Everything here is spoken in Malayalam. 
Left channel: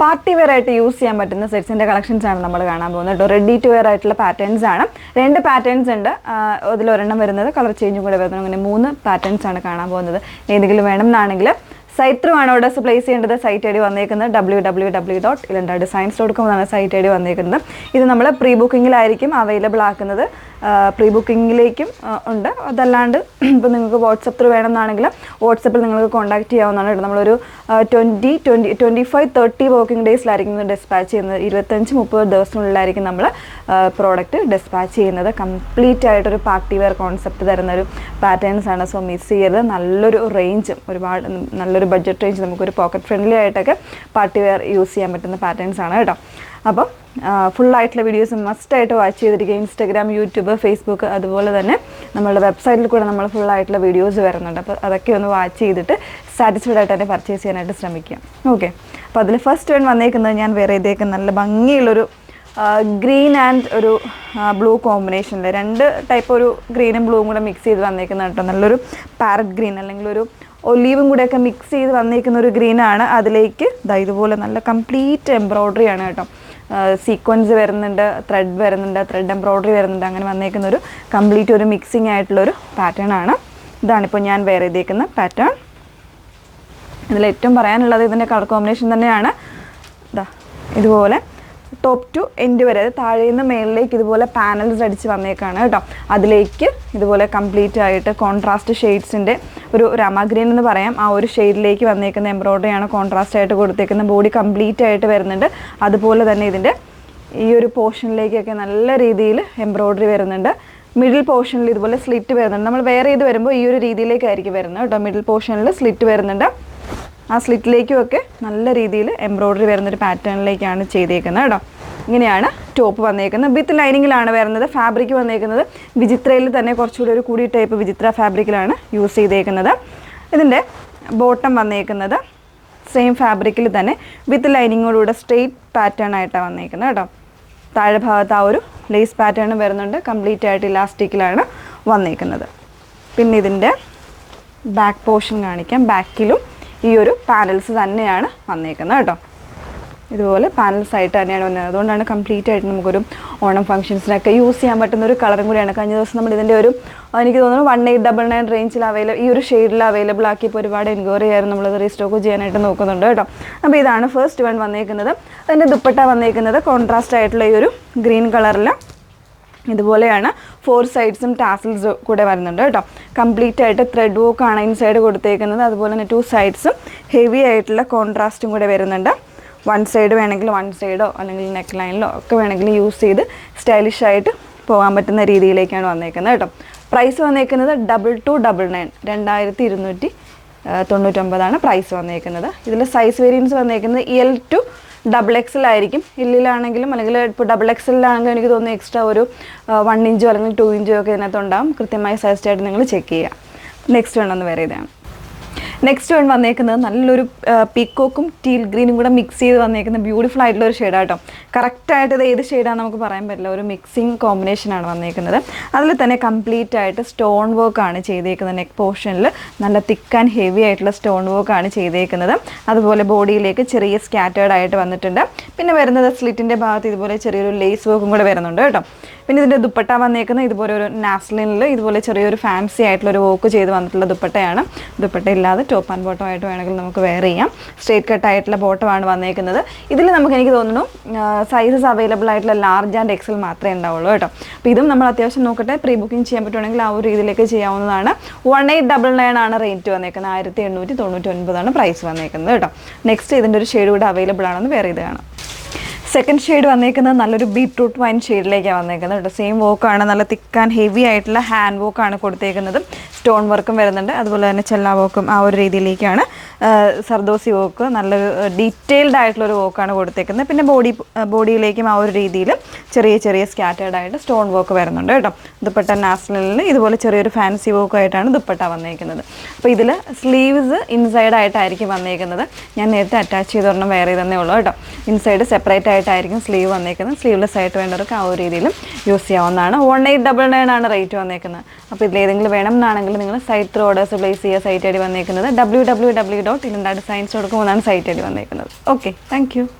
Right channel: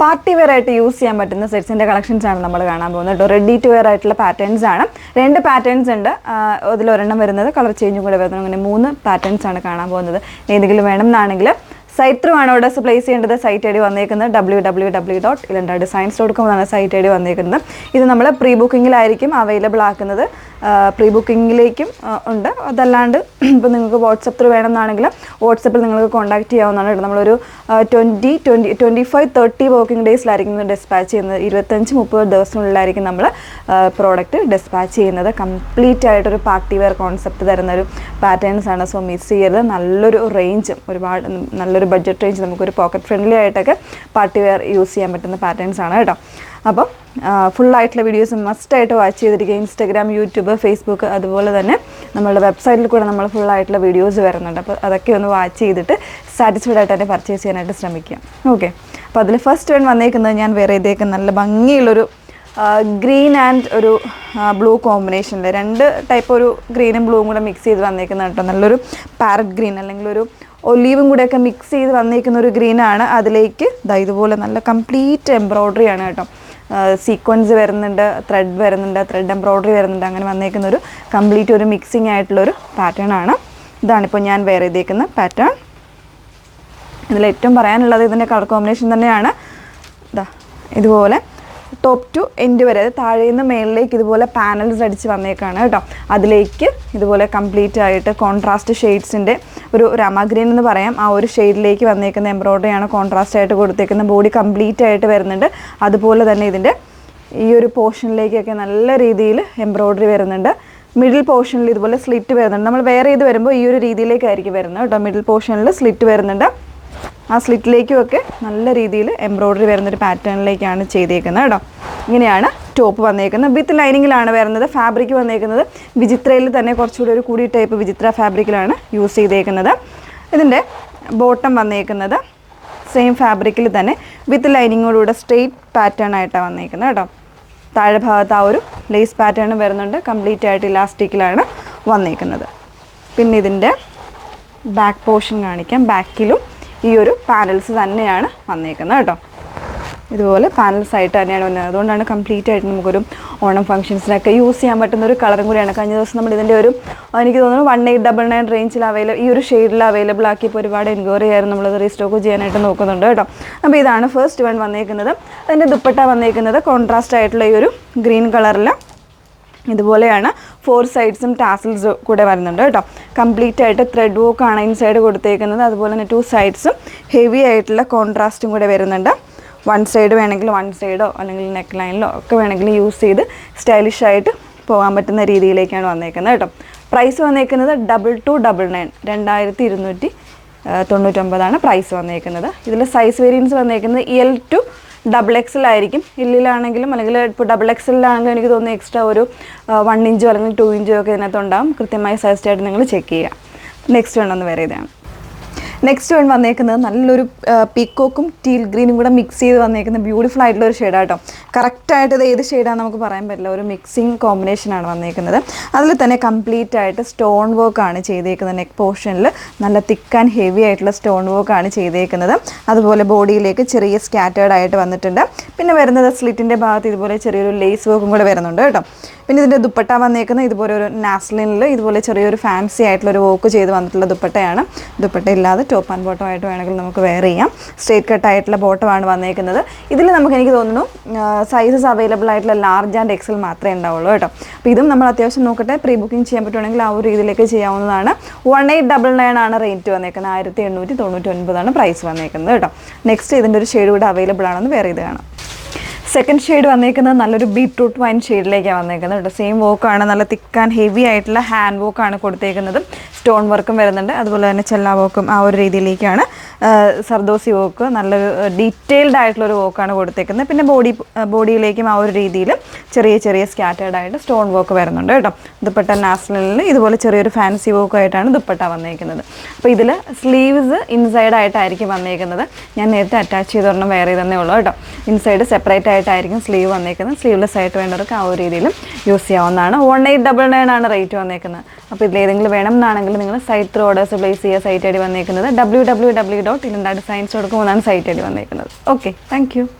പാർട്ടി വെയർ ആയിട്ട് യൂസ് ചെയ്യാൻ പറ്റുന്ന സെറ്റ്സിൻ്റെ കളക്ഷൻസ് ആണ് നമ്മൾ കാണാൻ പോകുന്നത് കേട്ടോ. റെഡി ടു വെയർ ആയിട്ടുള്ള പാറ്റേൺസ് ആണ്. 2 പാറ്റേൺസ് ഉണ്ട്. അതിലൊരെണ്ണം വരുന്നത് കളർ ചേഞ്ചും കൂടെ വരുന്നത്. അങ്ങനെ 3 പാറ്റേൺസ് ആണ് കാണാൻ പോകുന്നത്. ഏതെങ്കിലും വേണം എന്നാണെങ്കിൽ സൈറ്റ് ത്രൂ ആണ് ഓർഡേഴ്സ് പ്ലേസ് ചെയ്യേണ്ടത്. സൈറ്റ് ഐ ഡി വന്നേക്കുന്നത് www.ilandadesigns.com എന്നാണ് സൈറ്റ് ഐ ഡി വന്നേക്കുന്നത്. ഇത് നമ്മൾ പ്രീ ബുക്കിങ്ങിലായിരിക്കും അവൈലബിൾ ആക്കുന്നത്. പ്രീ ബുക്കിങ്ങിലേക്കും ഉണ്ട്. അതല്ലാണ്ട് ഇപ്പോൾ നിങ്ങൾക്ക് വാട്സപ്പ് ത്രൂ വേണമെന്നാണെങ്കിൽ വാട്സപ്പിൽ നിങ്ങൾക്ക് കോൺടാക്ട് ചെയ്യാവുന്നതാണ്. നമ്മളൊരു 25-30 വർക്കിംഗ് ഡേയ്സിലായിരിക്കും ഡിസ്പാച്ച് ചെയ്യുന്നത്. 25-30 ദിവസത്തിനുള്ളിലായിരിക്കും നമ്മൾ പ്രോഡക്റ്റ് ഡിസ്പാച്ച് ചെയ്യുന്നത്. കംപ്ലീറ്റ് ആയിട്ടൊരു പാർട്ടി വെയർ കോൺസെപ്റ്റ് തരുന്നൊരു പാറ്റേൺസ് ആണ്. സോ മിസ് ചെയ്യരുത്. നല്ലൊരു റേഞ്ചും ഒരുപാട് നല്ലൊരു ബഡ്ജറ്റ് റേഞ്ച് നമുക്കൊരു പോക്കറ്റ് ഫ്രണ്ട്ലി ആയിട്ടൊക്കെ പാർട്ടി വെയർ യൂസ് ചെയ്യാൻ പറ്റുന്ന പാറ്റേൺസ് ആണ് കേട്ടോ. അപ്പം ഫുള്ളായിട്ടുള്ള വീഡിയോസ് മസ്റ്റായിട്ട് വാച്ച് ചെയ്തിരിക്കുക. ഇൻസ്റ്റാഗ്രാം, യൂട്യൂബ്, ഫേസ്ബുക്ക്, അതുപോലെ തന്നെ നമ്മളുടെ വെബ്സൈറ്റിൽ കൂടെ നമ്മൾ ഫുള്ളായിട്ടുള്ള വീഡിയോസ് വരുന്നുണ്ട്. അപ്പോൾ അതൊക്കെ ഒന്ന് വാച്ച് ചെയ്തിട്ട് സാറ്റിസ്ഫൈഡ് ആയിട്ട് തന്നെ പർച്ചേസ് ചെയ്യാനായിട്ട് ശ്രമിക്കുക. ഓക്കെ, അപ്പോൾ അതിൽ ഫസ്റ്റ് വൺ വന്നേക്കുന്നത് ഞാൻ വേറെ ഇതേക്ക് നല്ല ഭംഗിയുള്ളൊരു ഗ്രീൻ ആൻഡ് ഒരു ബ്ലൂ കോമ്പിനേഷനിൽ 2 ടൈപ്പ് ഒരു ഗ്രീനും ബ്ലൂവും കൂടെ മിക്സ് ചെയ്ത് വന്നേക്കുന്നത് കേട്ടോ. നല്ലൊരു പാരറ്റ് ഗ്രീൻ അല്ലെങ്കിൽ ഒരു ഒലീവും കൂടെയൊക്കെ മിക്സ് ചെയ്ത് വന്നേക്കുന്ന ഒരു ഗ്രീനാണ്. അതിലേക്ക് ഇതുപോലെ നല്ല കംപ്ലീറ്റ് എംബ്രോയ്ഡറി ആണ് കേട്ടോ. സീക്വൻസ് വരുന്നുണ്ട്, ത്രെഡ് വരുന്നുണ്ട്, ത്രെഡ് എംബ്രോയ്ഡറി വരുന്നുണ്ട്. അങ്ങനെ വന്നേക്കുന്ന ഒരു കംപ്ലീറ്റ് ഒരു മിക്സിങ് ആയിട്ടുള്ളൊരു പാറ്റേൺ ആണ്. ഇതാണിപ്പോൾ ഞാൻ വേറെ ചെയ്തേക്കുന്ന പാറ്റേൺ. ഇതിലേറ്റവും പറയാനുള്ളത് ഇതിൻ്റെ കളർ കോമ്പിനേഷൻ തന്നെയാണ്. ഇതുപോലെ ടോപ്പ് ടു എൻഡ് വരെ, താഴെ നിന്ന് മേളിലേക്ക് ഇതുപോലെ പാനൽസ് അടിച്ച് വന്നേക്കാണ് കേട്ടോ. അതിലേക്ക് ഇതുപോലെ കംപ്ലീറ്റ് ആയിട്ട് കോൺട്രാസ്റ്റ് ഷെയ്ഡ്സിൻ്റെ ഒരു രാമ ഗ്രീൻ എന്ന് പറയാം, ആ ഒരു ഷെയ്ഡിലേക്ക് വന്നേക്കുന്ന എംബ്രോയ്ഡറിയാണ് കോൺട്രാസ്റ്റ് ആയിട്ട് കൊടുത്തേക്കുന്ന. ബോഡി കംപ്ലീറ്റ് ആയിട്ട് വരുന്നുണ്ട്. അതുപോലെ തന്നെ ഇതിൻ്റെ ഈ ഒരു പോർഷനിലേക്കൊക്കെ നല്ല രീതിയിൽ എംബ്രോയ്ഡറി വരുന്നുണ്ട്. മിഡിൽ പോർഷനിൽ ഇതുപോലെ സ്ലിറ്റ് വരുന്നുണ്ട്. നമ്മൾ വേറെ ഇത് വരുമ്പോൾ ഈ ഒരു രീതിയിലേക്കായിരിക്കും വരുന്നത് കേട്ടോ. മിഡിൽ പോർഷനിൽ സ്ലിറ്റ് വരുന്നുണ്ട്. ആ സ്ലിറ്റിലേക്കുമൊക്കെ നല്ല രീതിയിൽ എംബ്രോയ്ഡറി വരുന്നൊരു പാറ്റേണിലേക്കാണ് ചെയ്തേക്കുന്നത് കേട്ടോ. ഇങ്ങനെയാണ് ടോപ്പ് വന്നേക്കുന്നത്. വിത്ത് ലൈനിങ്ങിലാണ് വരുന്നത്. ഫാബ്രിക് വന്നേക്കുന്നത് വിചിത്രയിൽ തന്നെ കുറച്ചുകൂടി ഒരു കൂടി ടൈപ്പ് വിചിത്ര ഫാബ്രിക്കിലാണ് യൂസ് ചെയ്തേക്കുന്നത്. ഇതിൻ്റെ ബോട്ടം വന്നേക്കുന്നത് സെയിം ഫാബ്രിക്കിൽ തന്നെ വിത്ത് ലൈനിങ്ങോടുകൂടെ സ്ട്രെയിറ്റ് പാറ്റേൺ ആയിട്ടാണ് വന്നേക്കുന്നത് കേട്ടോ. താഴെ ഭാഗത്ത് ആ ഒരു ലേസ് പാറ്റേൺ വരുന്നുണ്ട്. കംപ്ലീറ്റ് ആയിട്ട് ഇലാസ്റ്റിക്കിലാണ് വന്നേക്കുന്നത്. പിന്നെ ഇതിൻ്റെ ബാക്ക് പോർഷൻ കാണിക്കാം. ബാക്കിലും ഈ ഒരു പാനൽസ് തന്നെയാണ് വന്നേക്കുന്നത് കേട്ടോ. ഇതുപോലെ പാനൽസ് ആയിട്ട് തന്നെയാണ് വന്നത്. അതുകൊണ്ടാണ് കംപ്ലീറ്റ് ആയിട്ട് നമുക്കൊരു ഓണം ഫംഗ്ഷൻസിനൊക്കെ യൂസ് ചെയ്യാൻ പറ്റുന്ന ഒരു കളറും കൂടിയാണ്. കഴിഞ്ഞ ദിവസം നമ്മൾ ഇതിൻ്റെ ഒരു എനിക്ക് തോന്നുന്നു 1899 റേഞ്ചിൽ ഈ ഒരു ഷെയ്ഡിൽ അവൈലബിൾ ആക്കിയപ്പോൾ ഒരുപാട് എൻക്വയറി ആയിരുന്നു. നമ്മളത് റീസ്റ്റോക്ക് ചെയ്യാനായിട്ട് നോക്കുന്നുണ്ട് കേട്ടോ. അപ്പോൾ ഇതാണ് ഫസ്റ്റ് വൺ വന്നേക്കുന്നത്. അതിൻ്റെ ദുപ്പട്ട വന്നേക്കുന്നത് കോൺട്രാസ്റ്റ് ആയിട്ടുള്ള ഈ ഒരു ഗ്രീൻ കളറിൽ ഇതുപോലെയാണ്. 4 സൈഡ്സും ടാസിൽസ് കൂടെ വരുന്നുണ്ട് കേട്ടോ. കംപ്ലീറ്റ് ആയിട്ട് ത്രെഡ് വർക്കാണ് ഇൻസൈഡ് കൊടുത്തേക്കുന്നത്. അതുപോലെ തന്നെ 2 സൈഡ്സും ഹെവി ആയിട്ടുള്ള കോൺട്രാസ്റ്റും കൂടെ വരുന്നുണ്ട്. 1 സൈഡ് വേണമെങ്കിൽ 1 സൈഡോ അല്ലെങ്കിൽ നെക്ക് ലൈനിലോ ഒക്കെ വേണമെങ്കിൽ യൂസ് ചെയ്ത് സ്റ്റൈലിഷ് ആയിട്ട് പോകാൻ പറ്റുന്ന രീതിയിലേക്കാണ് വന്നേക്കുന്നത് കേട്ടോ. പ്രൈസ് വന്നേക്കുന്നത് 2299 2299 പ്രൈസ് വന്നേക്കുന്നത്. ഇതിൽ സൈസ് വേരിയൻസ് വന്നേക്കുന്നത് L to XXL ആയിരിക്കും. എല്ലിലാണെങ്കിലും അല്ലെങ്കിൽ ഇപ്പോൾ XXLാണെങ്കിലും എനിക്ക് തോന്നുന്നു എക്സ്ട്രാ ഒരു 1 ഇഞ്ചോ അല്ലെങ്കിൽ 2 ഇഞ്ചോ ഒക്കെ ഇതിനകത്തുണ്ടാകും. കൃത്യമായി സൈസ്റ്റായിട്ട് നിങ്ങൾ ചെക്ക് ചെയ്യുക. നെക്സ്റ്റ് വേണമെന്ന് വേറെ ഇതാണ്. നെക്സ്റ്റ് വൺ വന്നേക്കുന്നത് നല്ലൊരു പീക്കോക്കും ടീൽ ഗ്രീനും കൂടെ മിക്സ് ചെയ്ത് വന്നേക്കുന്ന ബ്യൂട്ടിഫുൾ ആയിട്ടുള്ള ഒരു ഷെയ്ഡാണ് കേട്ടോ. കറക്റ്റായിട്ട് ഇത് ഏത് ഷെയ്ഡാണെന്ന് നമുക്ക് പറയാൻ പറ്റില്ല. ഒരു മിക്സിങ് കോമ്പിനേഷനാണ് വന്നേക്കുന്നത്. അതിൽ തന്നെ കംപ്ലീറ്റ് ആയിട്ട് സ്റ്റോൺ വർക്കാണ് ചെയ്തേക്കുന്നത്. നെക്ക് പോർഷനിൽ നല്ല തിക്ക് ആൻഡ് ഹെവി ആയിട്ടുള്ള സ്റ്റോൺ വർക്കാണ് ചെയ്തേക്കുന്നത്. അതുപോലെ ബോഡിയിലേക്ക് ചെറിയ സ്കാറ്റേർഡ് ആയിട്ട് വന്നിട്ടുണ്ട്. പിന്നെ വരുന്നത് സ്ലിറ്റിൻ്റെ ഭാഗത്ത് ഇതുപോലെ ചെറിയൊരു ലേസ് വർക്കും കൂടെ വരുന്നുണ്ട് കേട്ടോ. പിന്നെ ഇതിൻ്റെ ദുപ്പട്ട വന്നേക്കുന്നത് ഇതുപോലെ ഒരു നാസ്ലിനിൽ ഇതുപോലെ ചെറിയൊരു ഫാൻസി ആയിട്ടുള്ളൊരു വർക്ക് ചെയ്ത് വന്നിട്ടുള്ള ദുപ്പട്ടയാണ്. ദുപ്പട്ട ഇല്ലാതെ ടോപ്പ് ആൻഡ് ബോട്ടം ആയിട്ട് വേണമെങ്കിൽ നമുക്ക് വെയർ ചെയ്യാം. സ്ട്രേറ്റ് കട്ട് ആയിട്ടുള്ള ബോട്ടമാണ് വന്നേക്കുന്നത്. ഇതിൽ എനിക്ക് തോന്നുന്നു സൈസസ് അവൈലബിൾ ആയിട്ടുള്ള ലാർജ് ആൻഡ് എക്സൽ മാത്രമേ ഉണ്ടാവുള്ളൂ കേട്ടോ. അപ്പോൾ ഇതും നമ്മൾ അത്യാവശ്യം നോക്കട്ടെ. പ്രീ ബുക്കിംഗ് ചെയ്യാൻ പറ്റുവാണെങ്കിൽ ആ ഒരു രീതിയിലേക്ക് ചെയ്യാവുന്നതാണ്. 1899 ആണ് റേറ്റ് വന്നേക്കുന്നത്. 1899 പ്രൈസ് വന്നേക്കുന്നത് കേട്ടോ. നെക്സ്റ്റ് ഇതിൻ്റെ ഒരു ഷെയ്ഡ് കൂടെ അവൈലബിൾ ആണെന്ന് വേറെ ഇത് കാണാം. സെക്കൻഡ് ഷെയ്ഡ് വന്നേക്കുന്നത് നല്ലൊരു ബീട്രൂട്ട് വൈൻ ഷെയ്ഡിലേക്കാണ് വന്നേക്കുന്നത് കേട്ടോ. സെയിം വർക്കാണ്. നല്ല തിക്ക് ആൻഡ് ഹെവി ആയിട്ടുള്ള ഹാൻഡ് വർക്കാണ് കൊടുത്തേക്കുന്നത്. സ്റ്റോൺ വർക്കും വരുന്നുണ്ട്. അതുപോലെ തന്നെ ചെല്ലാ വർക്കും ആ ഒരു രീതിയിലേക്കാണ്. സർദോസി വർക്ക് നല്ലൊരു ഡീറ്റെയിൽഡ് ആയിട്ടുള്ളൊരു വർക്കാണ് കൊടുത്തേക്കുന്നത്. പിന്നെ ബോഡിയിലേക്കും ആ ഒരു രീതിയിൽ ചെറിയ ചെറിയ സ്കാറ്റേർഡ് ആയിട്ട് സ്റ്റോൺ വർക്ക് വരുന്നുണ്ട് കേട്ടോ. ദുപ്പട്ട നാഷണലിൽ ഇതുപോലെ ചെറിയൊരു ഫാൻസി വർക്കായിട്ടാണ് ദുപ്പട്ട വന്നേക്കുന്നത്. അപ്പോൾ ഇതിൽ സ്ലീവ്സ് ഇൻസൈഡ് ആയിട്ടായിരിക്കും വന്നേക്കുന്നത്. ഞാൻ നേരത്തെ അറ്റാച്ച് ചെയ്തൊരെണ്ണം വേറെ തന്നെ ഉള്ളൂ കേട്ടോ. ഇൻസൈഡ് സെപ്പറേറ്റ് ആയിട്ടായിരിക്കും സ്ലീവ് വന്നേക്കുന്നത്. സ്ലീവ്ലെസ് ആയിട്ട് വേണ്ടവർക്ക് ആ ഒരു രീതിയിലും യൂസ് ചെയ്യാവുന്നതാണ്. 1899 ആണ് റേറ്റ് വന്നേക്കുന്നത്. അപ്പോൾ ഇതിലേതെങ്കിലും വേണം എന്നാണെങ്കിൽ നിങ്ങൾ സൈറ്റ് ത്രൂ ഓർഡേഴ്സ് പ്ലേസ് ചെയ്യുക. സൈറ്റ് ഐ ഡി വന്നേക്കുന്നത് www.ilandadesigns.com എന്നാണ് സൈറ്റ് ഐ ഡി വന്നേക്കുന്നത്. Okay, thank you.